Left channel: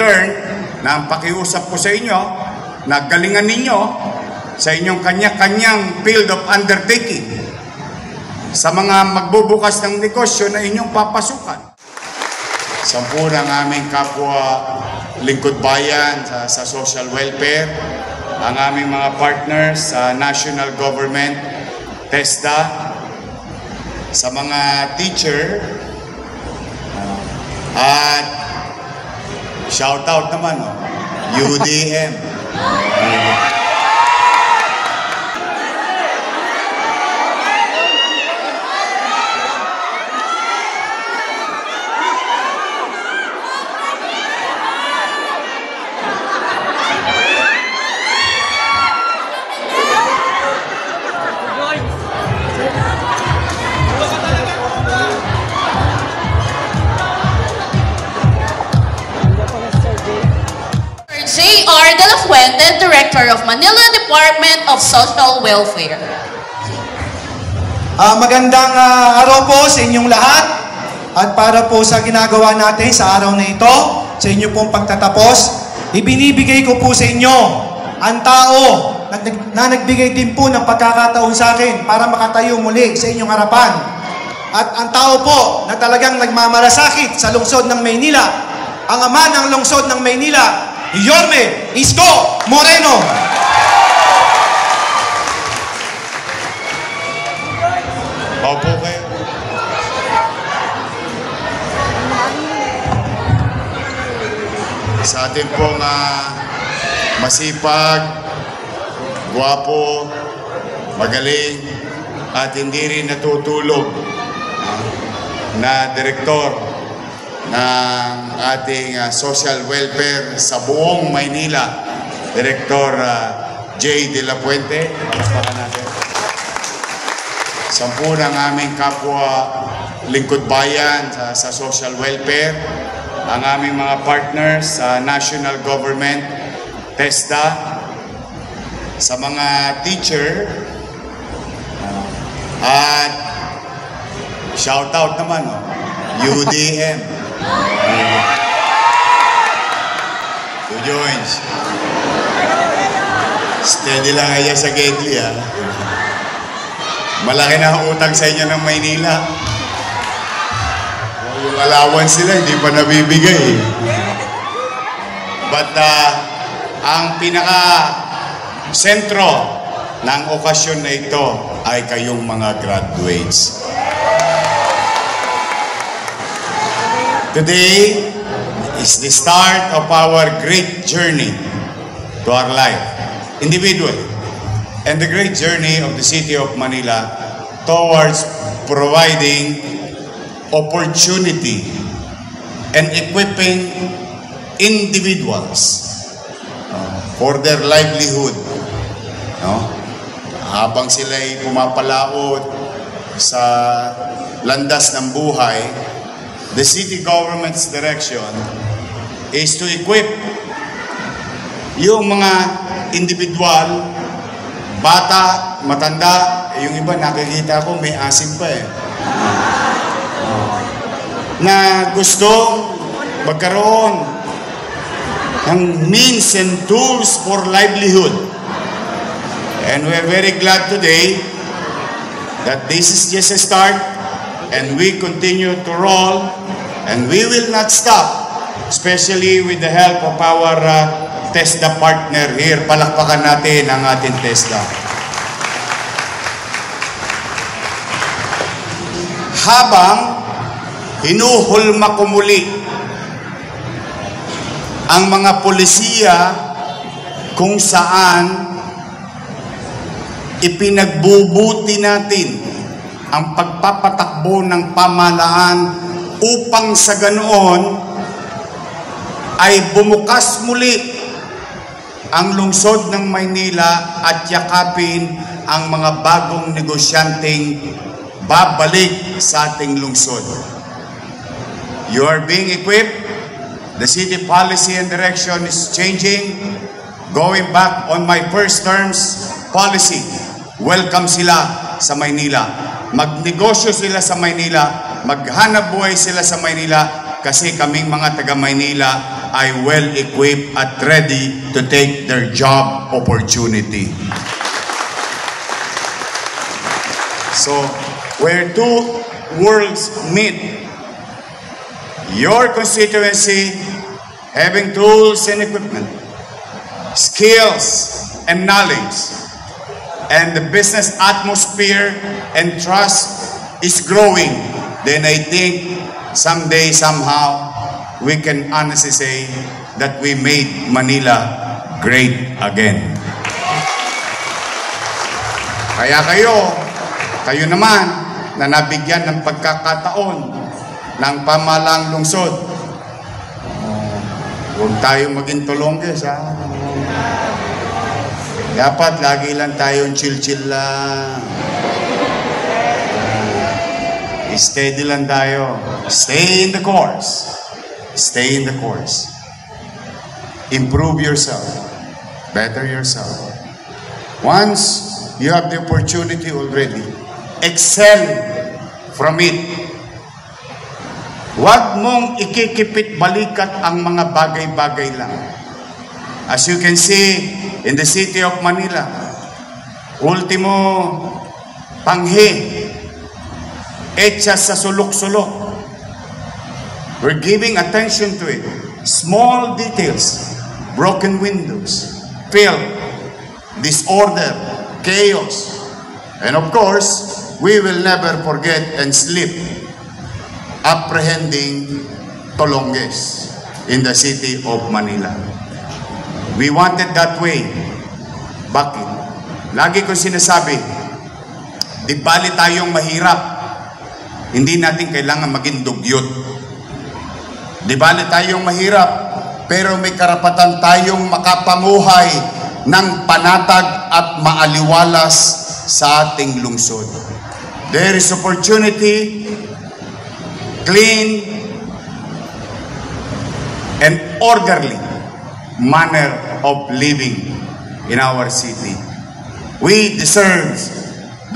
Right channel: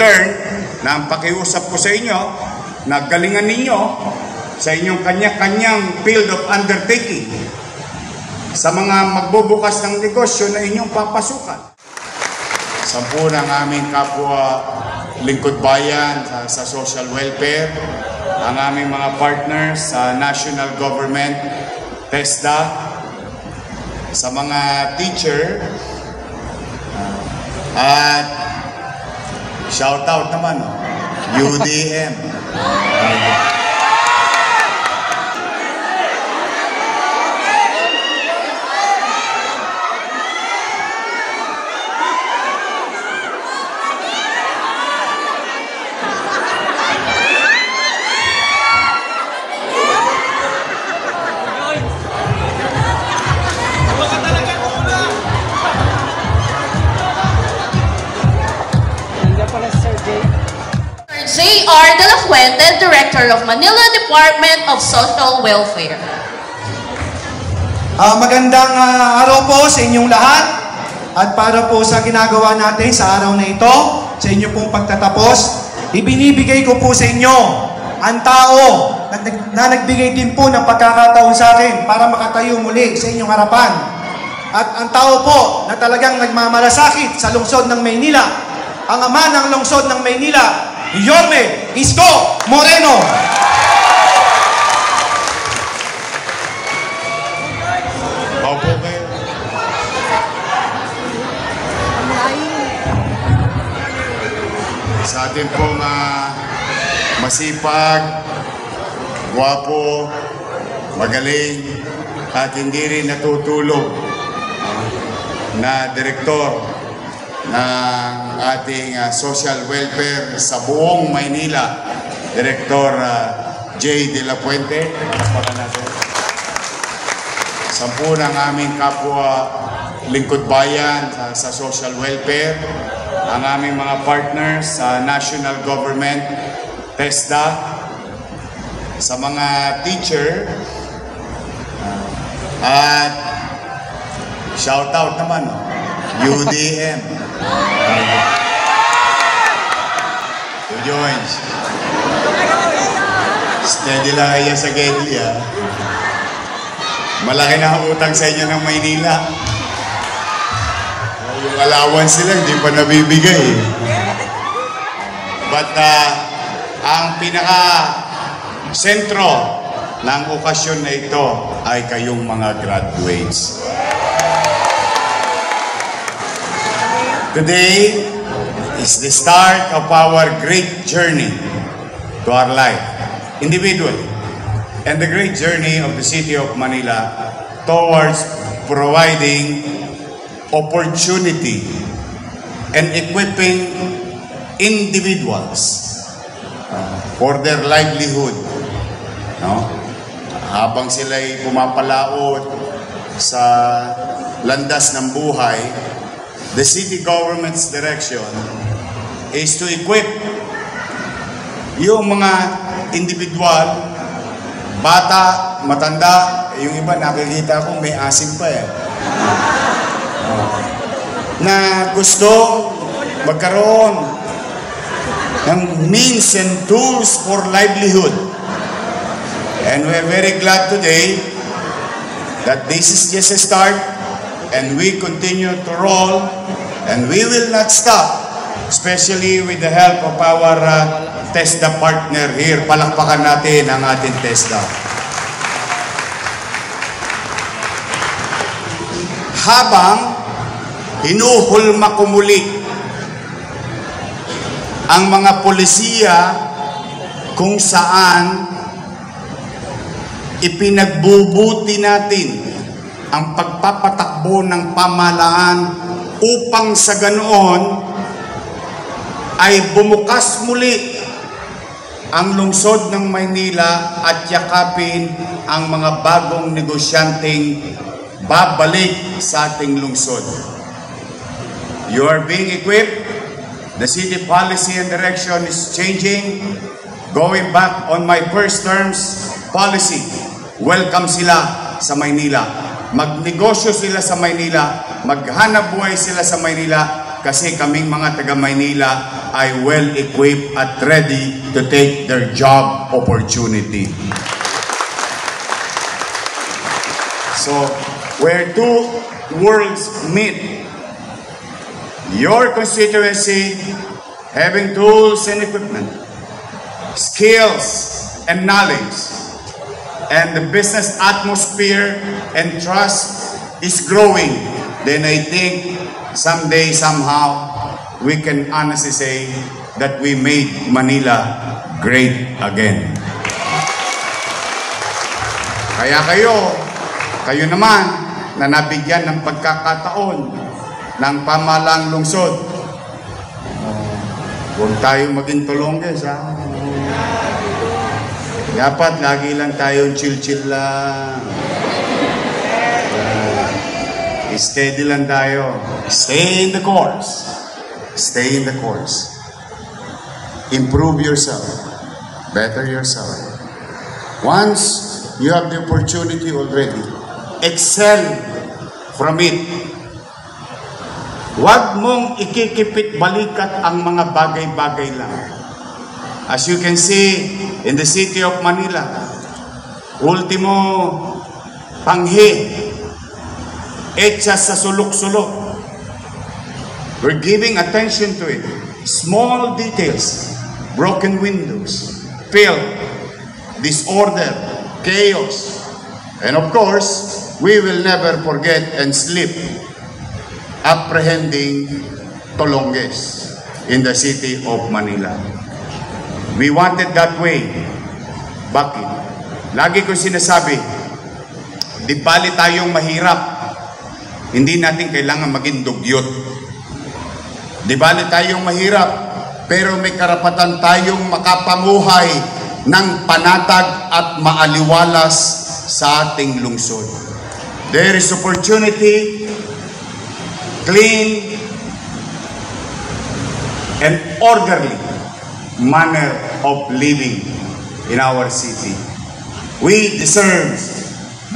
return na ang pakiusap ko sa inyo, na galingan ninyo sa inyong kanya-kanyang field of undertaking sa mga magbubukas ng negosyo na inyong papasukan. Sampurang aming kapwa lingkod bayan sa social welfare, ang aming mga partners sa national government, TESDA, sa mga teacher, at shout out naman, UDM. J.R. De La Fuente, Director of Manila Department of Social Welfare. Magandang araw po sa inyong lahat, at para po sa ginagawa natin sa araw na ito, sa inyong pong pagtatapos, ibinibigay ko po sa inyo ang tao na nagbigay din po ng pagkakataon sa akin para makatayo muli sa inyong harapan. At ang tao po na talagang nagmamalasakit sa lungsod ng Maynila, ang ama ng lungsod ng Maynila, Yorme Isko Moreno. Opo kayo. Sa atin pong masipag, gwapo, magaling, at hindi rin natutulog na direktor ng ating social welfare sa buong Maynila, Director J. De La Fuente. Sampurang aming kapwa lingkod bayan sa social welfare, ang aming mga partners sa national government, TESDA, sa mga teacher, at shout out naman, UDM. Joins. Steady lang kaya sa Gedli, ha? Malaki na ang utang sa inyo ng Maynila. Yung allowance sila, hindi pa nabibigay. But ang pinaka-sentro ng okasyon na ito ay kayong mga graduates. Today is the start of our great journey to our life, individually, and the great journey of the city of Manila towards providing opportunity and equipping individuals for their livelihood. No? Habang sila'y pumapalaot sa landas ng buhay, the city government's direction is to equip yung mga individual, bata, matanda, yung iba nakikita ko may asim pa na gusto magkaroon ng means and tools for livelihood. And we're very glad today that this is just a start, and we continue to roll, and we will not stop, especially with the help of our TESDA partner here. Palakpakan natin ang ating TESDA. Habang hinuhulma ko muli ang mga polisiya kung saan ipinagbubuti natin ang pagpapatakbo ng pamahalaan upang sa ganoon ay bumukas muli ang lungsod ng Maynila at yakapin ang mga bagong negosyanteng babalik sa ating lungsod. You are being equipped. The city policy and direction is changing. Going back on my first term's policy, welcome sila sa Maynila. Magnegosyo sila sa Maynila, maghanap buhay sila sa Maynila, kasi kaming mga taga Maynila ay well-equipped at ready to take their job opportunity. So, where two worlds meet, your constituency having tools and equipment, skills and knowledge, and the business atmosphere and trust is growing, then I think someday, somehow, we can honestly say that we made Manila great again. Kaya kayo naman na nabigyan ng pagkakataon ng pamahalaang lungsod, huwag tayo maging tulongges, ha? Dapat lagi lang tayong chill-chill lang. Steady lang tayo. Stay in the course. Stay in the course. Improve yourself. Better yourself. Once you have the opportunity already, excel from it. Huwag mong ikikipit balikat ang mga bagay-bagay lang. As you can see in the city of Manila, ultimo panghi, etsa sa sulok-sulok. We're giving attention to it. Small details, broken windows, filth, disorder, chaos. And of course, we will never forget and sleep apprehending Tolonges in the city of Manila. We wanted that way. Bakit? Lagi ko sinasabi, di bali tayong mahirap, hindi natin kailangan maging dugyot. Di bali tayong mahirap, pero may karapatan tayong makapanguhay ng panatag at maaliwalas sa ating lungsod. There is opportunity, clean, and orderly manner of living in our city. We deserve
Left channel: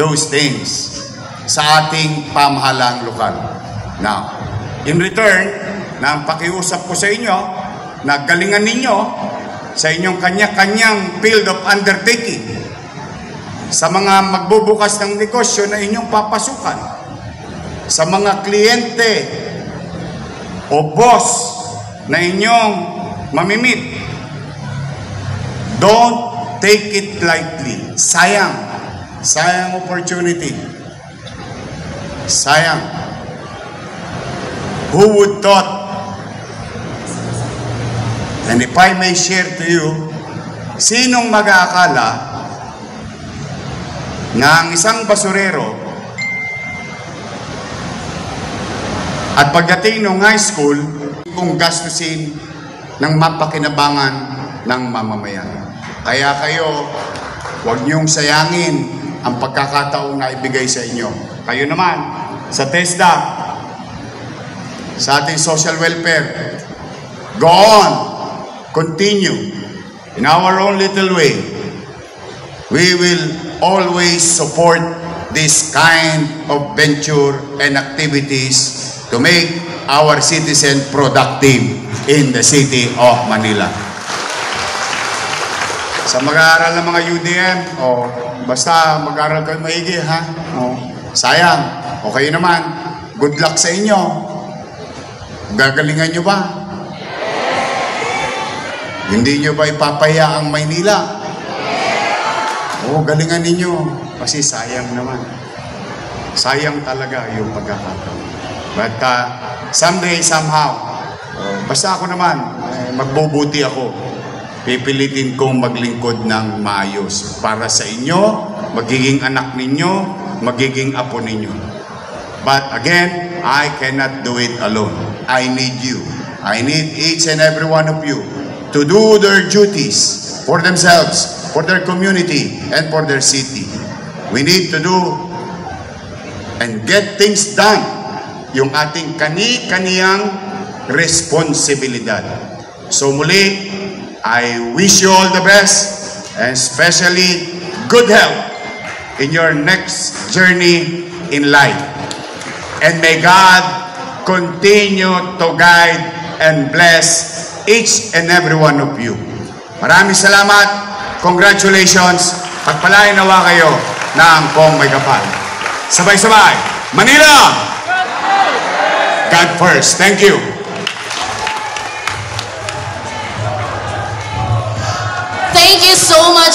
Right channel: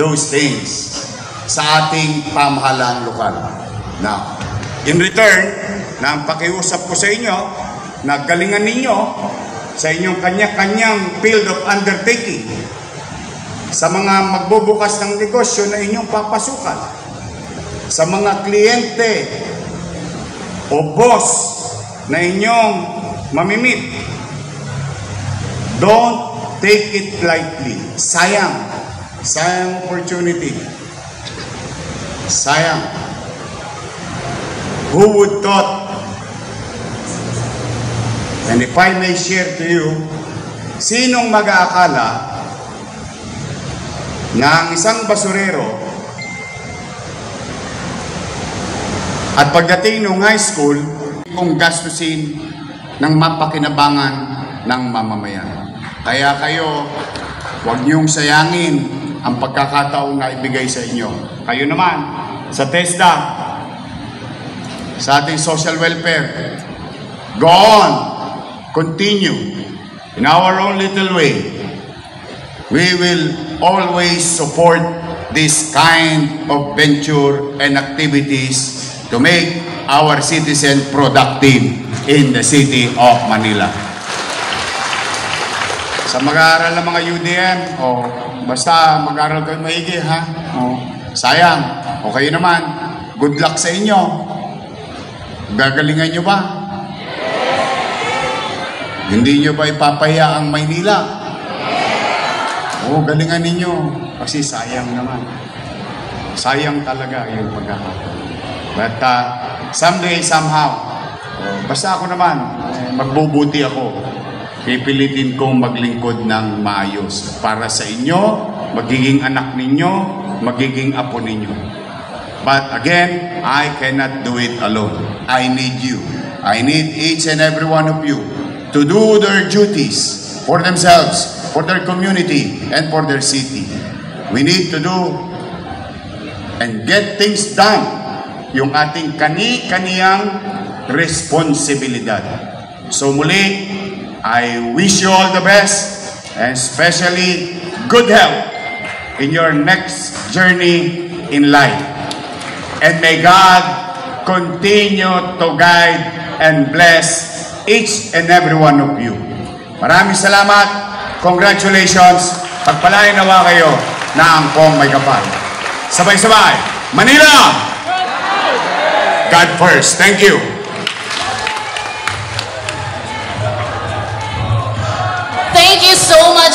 those things sa ating pamahalaang lokal. Now, in return, na ang pakiusap ko sa inyo, na galingan ninyo sa inyong kanya-kanyang field of undertaking, sa mga magbubukas ng negosyo na inyong papasukan, sa mga kliyente o boss na inyong mamimit. Don't take it lightly. Sayang. Sayang opportunity. Sayang. Who would thought? And if I may share to you, sinong mag-aakala na ang isang basurero at pagdating ng high school, kung gastusin ng mapakinabangan ng mamamayan. Kaya kayo, huwag niyong sayangin ang pagkakataong na ibigay sa inyo. Kayo naman, sa TESDA, sa ating social welfare, go on, continue, in our own little way. We will always support this kind of venture and activities to make our citizen productive in the city of Manila. Sa mag-aaral ng mga UDM, basta mag-aaral kayo maigi, ha? Sayang. O kayo naman, good luck sa inyo. Gagalingan nyo ba? Hindi nyo ba ipapaya ang Maynila? Galingan ninyo. Kasi sayang naman. Sayang talaga yung pagkakataon. But someday, somehow, basta ako naman, magbubuti ako. Pipilitin kong maglingkod ng maayos. Para sa inyo, magiging anak ninyo, magiging apo ninyo. But again, I cannot do it alone. I need you. I need each and every one of you to do their duties for themselves, for their community, and for their city. We need to do and get things done. Yung ating kani-kaniyang responsibilidad. So muli, I wish you all the best and especially good health in your next journey in life. And may God continue to guide and bless each and every one of you. Maraming salamat. Congratulations. Pagpalain nawa kayo na angkong may kapal. Sabay-sabay. Manila! God first. Thank you. Thank you so much.